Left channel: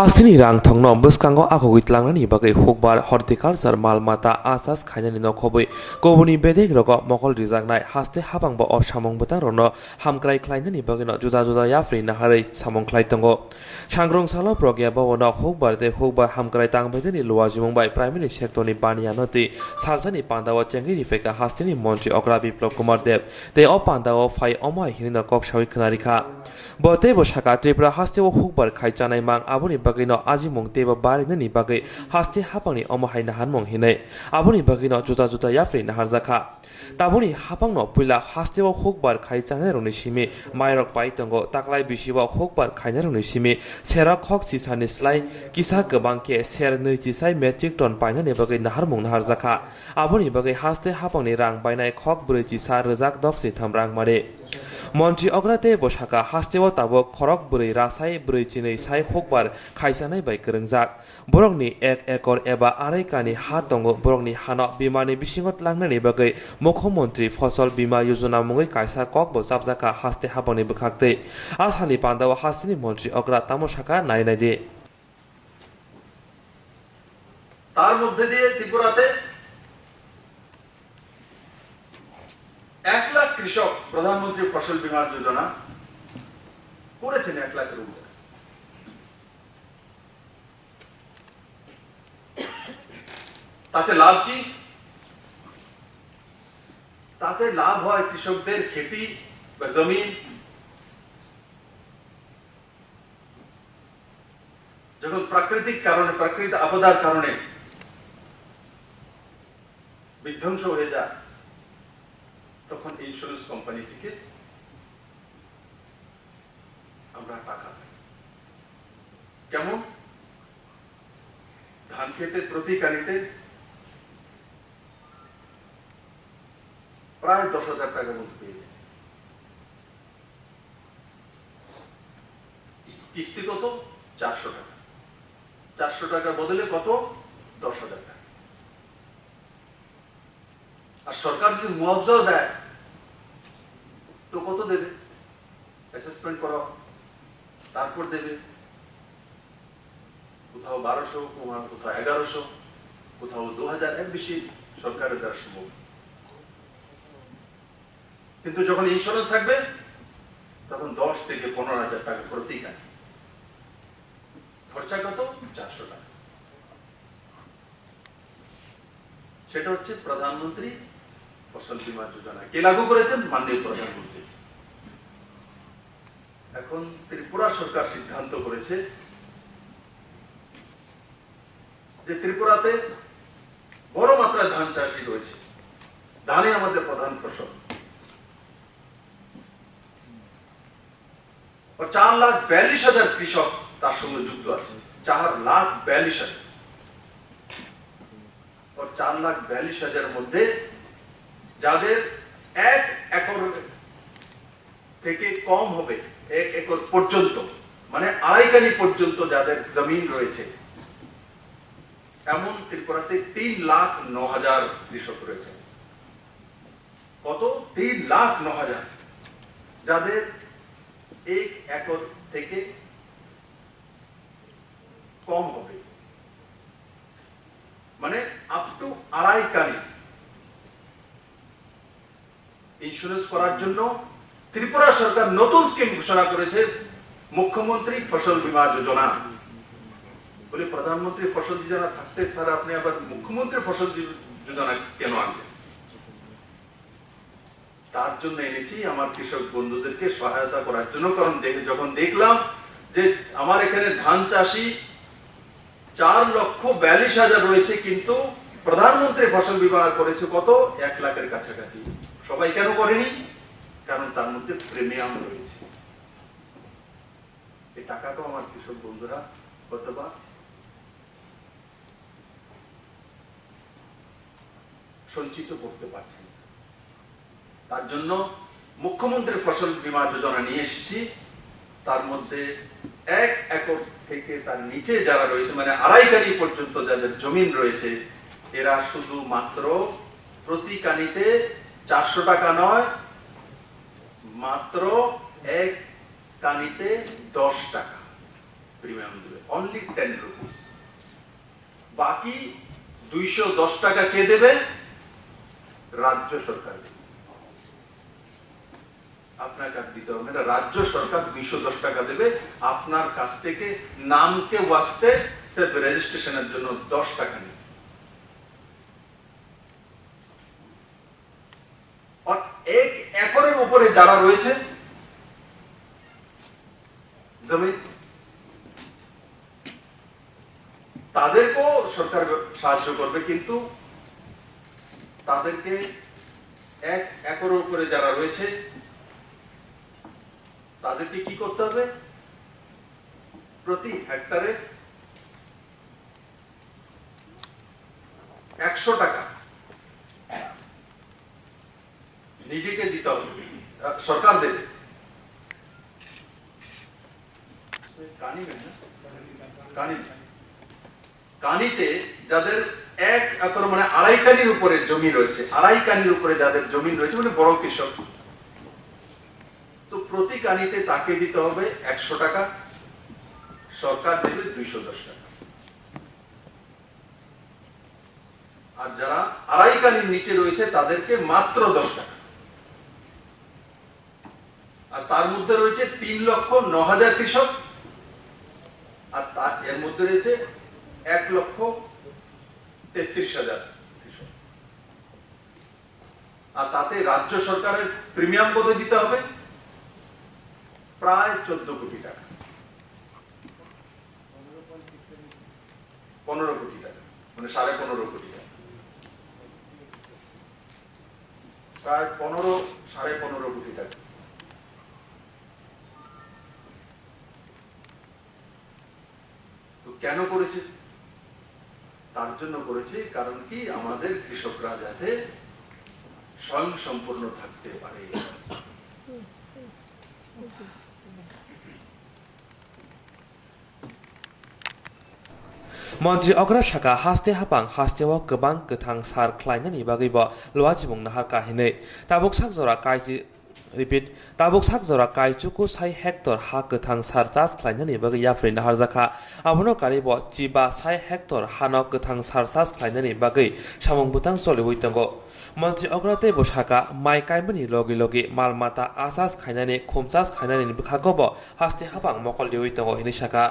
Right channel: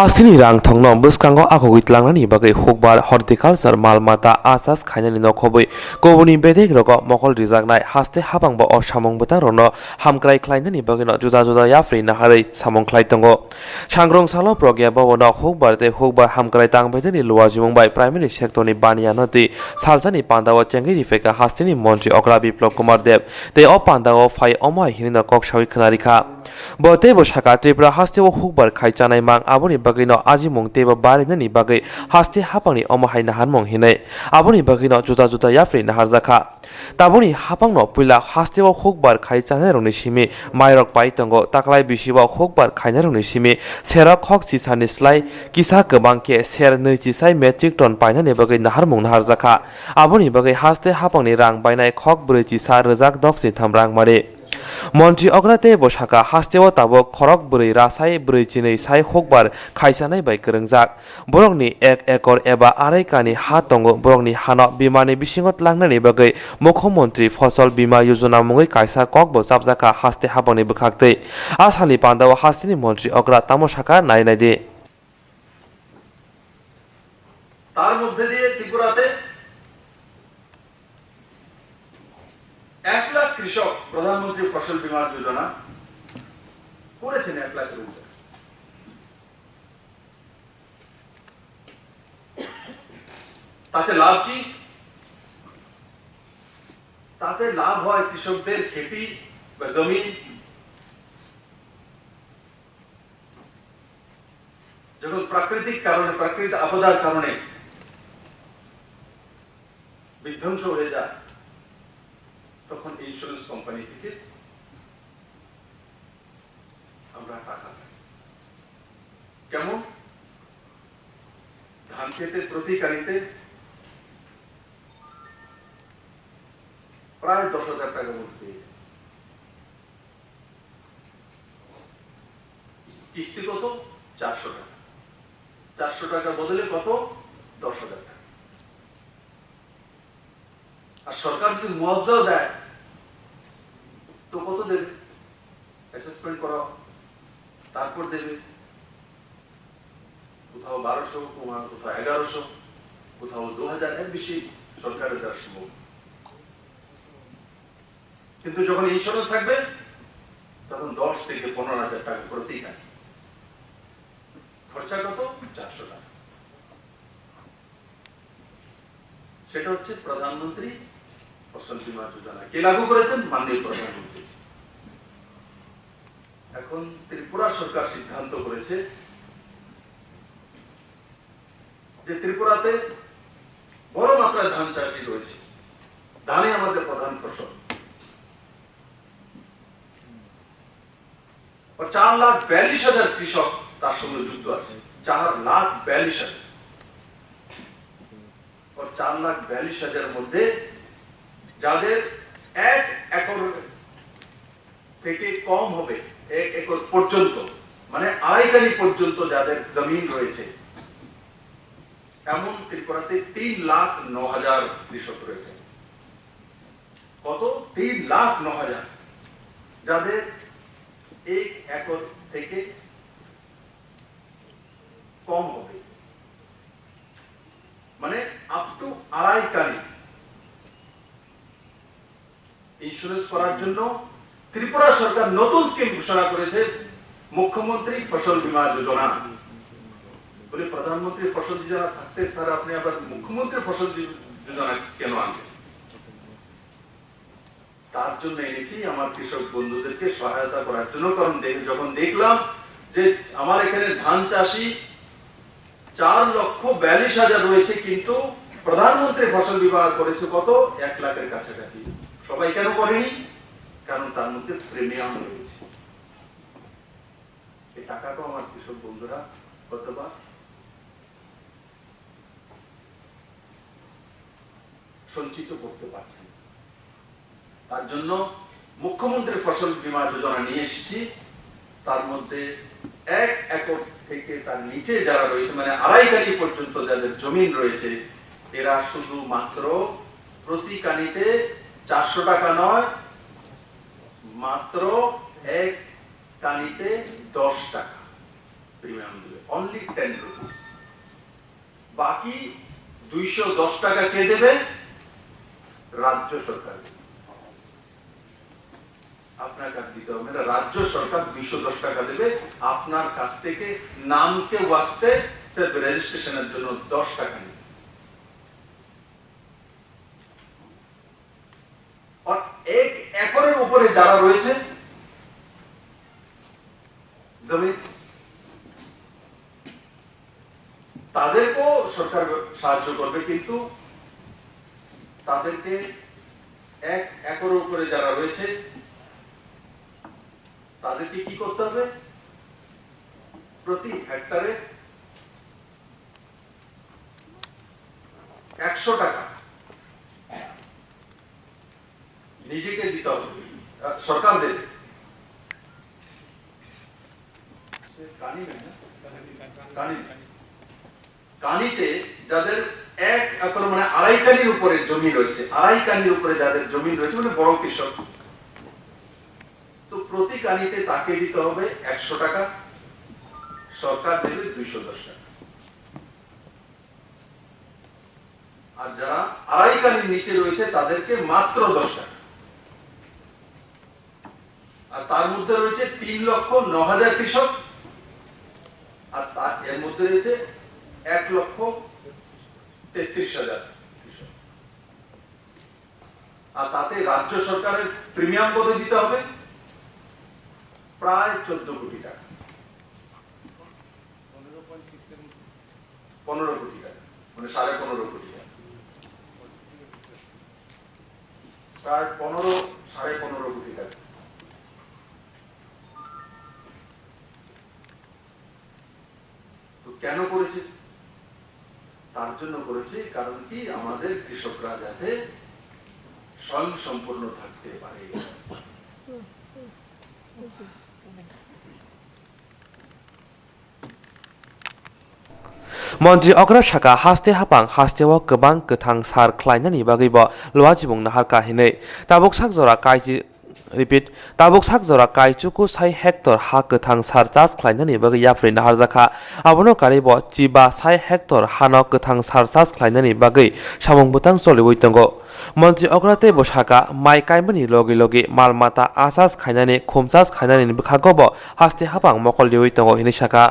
Hastini rang thongno buskango akogit langnani bagai hokbar horticulture malmata asas khainani nokhoboi kobuni bedek rogo mokol rijaknai haste habangbo o samongbota rono hamkrai khlainani bagino juda juda yafri naharei samong khlai tongo sangrong salo progya bono hokbar de hokbar hamkrai tangbedeni luwajumbai primary sector ni baniyanoti saljani pandawo chengiri feka hastini montri okra biplop kumar dev te o pandawo phai omai hinina koksawi khnarikha bote bo saka tripura haste o hokbar khaichanai mang aboni bagino ajimong teba barinani bagai haste hapangni omahai nahanmong hinai aboni bagino juta juta yafri naharjakha taboni hapangno puila haste o hokbar khaichanai rongni simi mairok paitongo taklai bisiwa hokbar khainai rongni simi serok hok sisani slai kisa gobangke ser neicisai metric ton painani bagai naharmong naharjakha aboni bagai haste hapangni rang bainai khok breichisa rejak dokse thamrang mare মন্ত্রী অগ্রাতে বসাকা হাস্তেও তাবো খরক বরৈ রাসাই ব্রৈচিनै সাই হকবার খাইসানাই by করংজাক বরংনি এক acre এবা আড়াই কানি হা দङ বরংনি হানো বিমানি বিसिङत लांनानै बागै मुख्यमंत्री फसल बीमा योजना मुङै कायसा ककबो जाबजाका हास्ते हाबनि बखाक्तै आसालि पान्दाव हास्तिनि मन्त्री अग्रा तामसाका नायनायदे তার মধ্যে দিয়ে ত্রিপুরাতে 1 লাখ কৃষক প্রধানমন্ত্রী ফসল বীমা যোজনা করেছেন 1 লাখের উপরে তাতে লাভ কি তাতে লাভ হয় কৃষকদের খেতি বা জমি যখন প্রাকৃতিক কারণে প্রাকৃতিক আপদার কারণে বিধ্বংস হয়ে যায় তখন ইন্স্যুরেন্স কোম্পানি থেকে আমরা টাকা পাই কেমন ধান ক্ষেতের প্রতি কানিতে প্রায় 10,000 টাকার মতো পেয়ে যায় কিস্তি কত 400 টাকা 400 টাকার বদলে কত 10,000 টাকা আর সরকার যদি মুআবজাও দেয় তো কত দেবে অ্যাসেসমেন্ট করা তারপর দেবে কোথাও 1200 কোথাও 1100 কোথাও 2000 এর বেশি সরকারের দ্বারা সম্ভব কিন্তু যখন ইন্স্যুরেন্স থাকবে তখন 10 থেকে 15,000 টাকা প্রতি কানি খরচা কত 400 টাকা সেটা হচ্ছে প্রধানমন্ত্রী ফসল বীমা যোজনা কে লাগু করেছেন মাননীয় প্রধানমন্ত্রী এখন ত্রিপুরা সরকার সিদ্ধান্ত করেছে যে ত্রিপুরাতে বড় মাত্রায় ধান চাষী রয়েছে ধানই আমাদের প্রধান ফসল 4,42,000 কৃষক তার সঙ্গে যুক্ত আছে 4,42,000 4,42,000 মধ্যে যাদের 1 একর থেকে কম হবে 1 একর পর্যন্ত মানে আড়াই কানি পর্যন্ত যাদের জমিন রয়েছে এমন ত্রিপুরাতে 3,09,000 কৃষক রয়েছে কত 3,09,000 যাদের 1 একর থেকে কম হবে মানে আপ টু আড়াই কানি ইন্স্যুরেন্স করার জন্য ত্রিপুরা সরকার নতুন স্কিম ঘোষণা করেছে মুখ্যমন্ত্রী ফসল বীমা যোজনা বলে প্রধানমন্ত্রী ফসল যোজনা থাকতে স্যার আপনি আবার মুখ্যমন্ত্রী ফসল যোজনা কেন আনলেন তার জন্য এনেছি আমার কৃষক বন্ধুদেরকে সহায়তা করার জন্য কারণ যখন দেখলাম যে আমার এখানে ধান চাষী 4,42,000 রয়েছে কিন্তু প্রধানমন্ত্রী ফসল বীমা করেছে কত 1 লাখের কাছাকাছি সবাই কেন করেনি কারণ তার মধ্যে প্রিমিয়াম রয়েছে এই টাকাটা আমার কৃষক বন্ধুরা কতবা সঞ্চিত করতে পারছেন তার জন্য মুখ্যমন্ত্রী ফসল বীমা যোজনা নিয়ে এসেছি তার মধ্যে 1 একর থেকে তার নিচে যারা রয়েছে মানে আড়াই কানি পর্যন্ত যাদের জমিন রয়েছে এরা শুধু মাত্র প্রতি কানিতে 400 টাকা নয় মাত্র 1 কানিতে 10 টাকা প্রিমিয়াম দেবে অনলি 10 রুপিস। বাকি 210 টাকা কে দেবে? রাজ্য সরকার দেবে। আপনাকে আর দিতে হবে না, রাজ্য সরকার 210 টাকা দেবে আপনার কাছ থেকে। নামকে ওয়াস্তে সির্ফ রেজিস্ট্রেশনের জন্য 10 টাকা নেবে। আর 1 একরের উপরে যারা রয়েছে জমি, তাদেরকেও সরকার সাহায্য করবে, কিন্তু তাদেরকে 1 একরের উপরে যারা রয়েছে তাদেরকে কি করতে হবে? প্রতি হেক্টরে 100 টাকা নিজেকে দিতে হবে, সরকার দেবে। কানিতে যাদের 1 একর মানে 2.5 কানির উপরে জমি রয়েছে, 2.5 কানির উপরে যাদের জমি রয়েছে মানে বড় কৃষক, তো প্রতি কানিতে তাকে দিতে হবে 100 টাকা, সরকার দেবে 210 টাকা। আর যারা 2.5 কানির নিচে রয়েছে তাদেরকে মাত্র 10 টাকা। আর তার মধ্যে রয়েছে 3,09,000 কৃষক, আর তার এর মধ্যে রয়েছে 1,33,000 কৃষক। আর তাতে রাজ্য সরকারের প্রিমিয়াম কত দিতে হবে? প্রায় 14 কোটি টাকা, 15 কোটি টাকা, মানে 15.5 কোটি টাকা, প্রায় 15.5 কোটি টাকা। তো কেন করেছে? তার জন্য করেছে, কারণ কি আমাদের কৃষকরা যাতে স্বয়ং সম্পূর্ণ থাকতে পারে। मन्त्री अग्रा शाखा हास्ते हापां हास्तेव गोबां गोथां सार ख्लायनायनि बागैबो लुवाजिबुंनो हारकाहिनै ताबुक साकजरा काइजि रिपिट ताबुक साकजरा काइचुकु 6 हेक्टर हा गोथां सार चास ख्लायनायनि बागै याफ्रिनो हारजाखा आबनो कारिबो चिबा 6 हेक्टर हानो गोथां सार चास ख्लायनायनि बागै सामुंबुतां सलिबोय दंगो मन्त्री अग्राते बसाका माइ काइमनि लगे लगे मालमाता आसास खायनानै खुमचास खायनानै बखागोबो हास्ते हापां मकल लिवै दंगो हिनि शाखा।